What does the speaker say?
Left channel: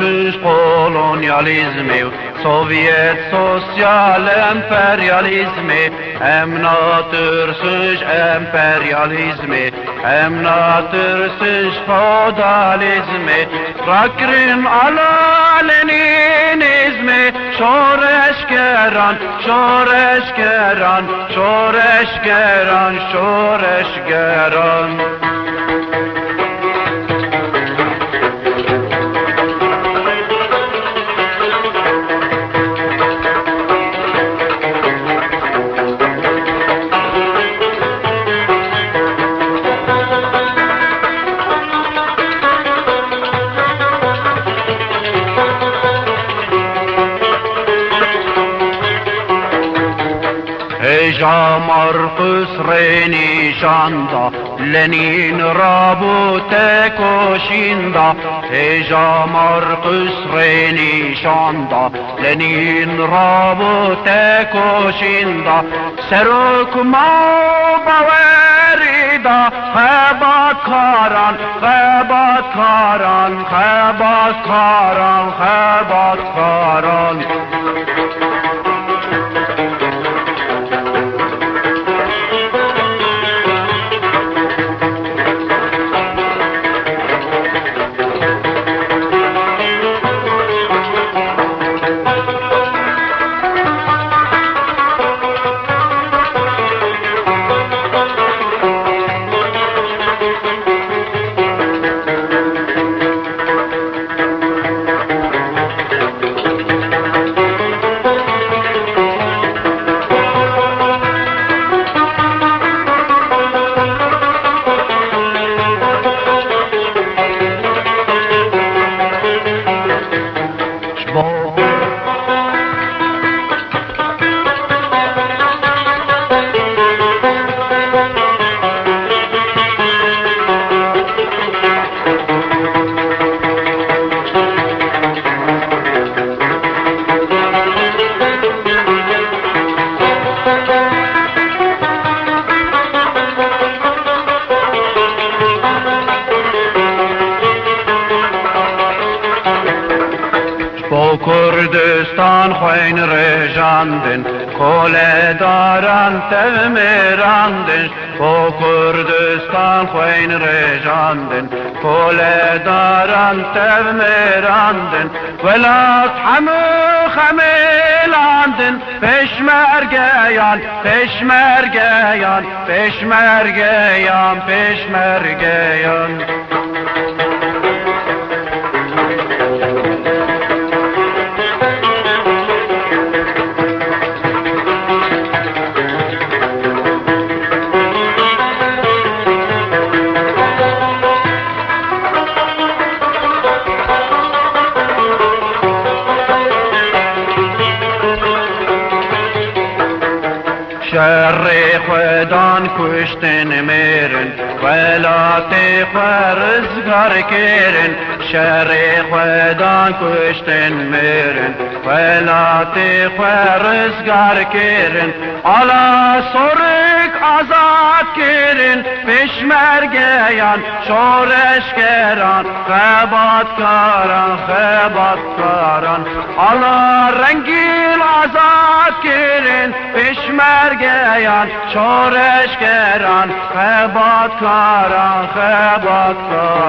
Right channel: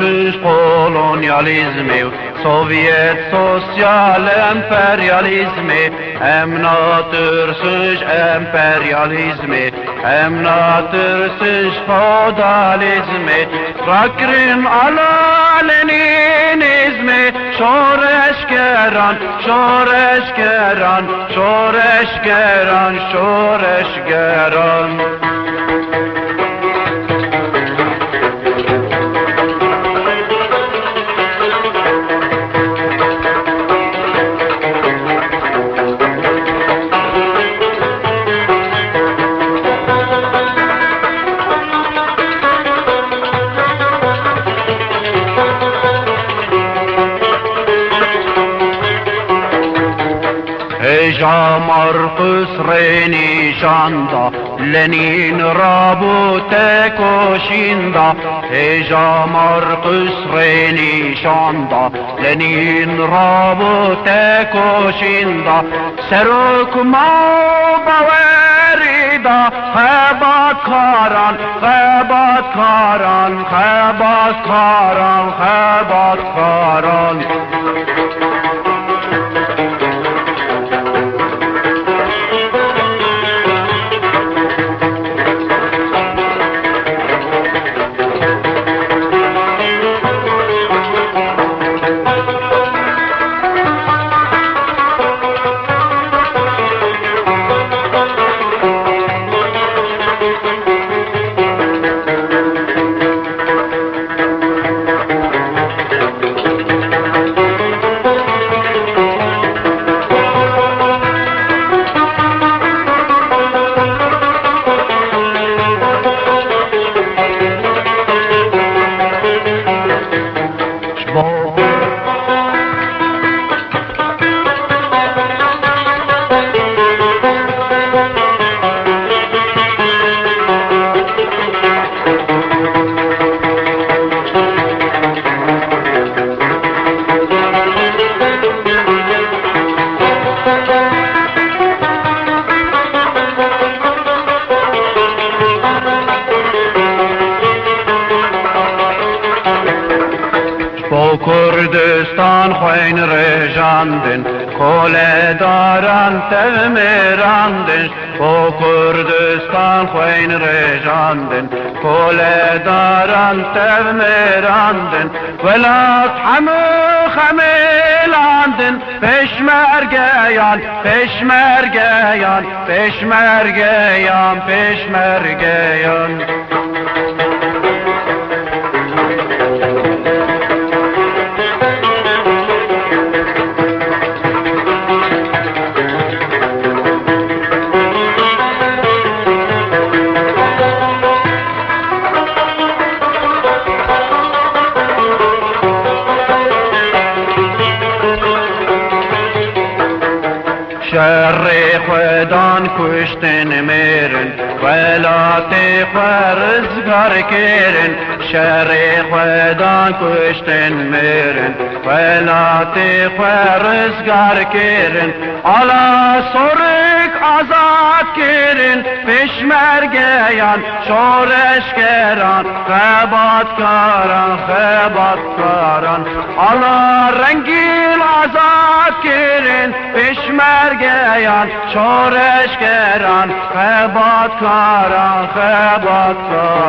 ترسیش kolonyalizmi Sovyet sosyal emperyalizmi hem natursiz emperyalizmi hem natursiz feodalizmi Rakrim ala leninizmi Şoreşkeran, şoreşkeran, şoreşkeran, şoreşkeran Eja Marcus Renişanda Lenin rabute koşinda Eja Marcus Renişanda Lenin rabute koşinda Seruk baverida Hebat karan, hebat karan, hebat karan, hebat karan Kurdistan خوین رژاندن کله دارن تمیراندن با کردستان خوین رژاندن کله دارن تمیراندن ولات همه خمیلاندن پشمرگیان پشمرگیان پشمرگیان پشمرگیان شر خودان کشتن میرن ولات خورزگار کرن شر خودان کشتن میرن ولات خورزگار کرن الا سرک آزاد کرن پشمرگیان شورشگران خباتکاران خباتکاران الا رنگیل آزاد کرن پشمرگیان شورشگران خباتکاران خباتکاران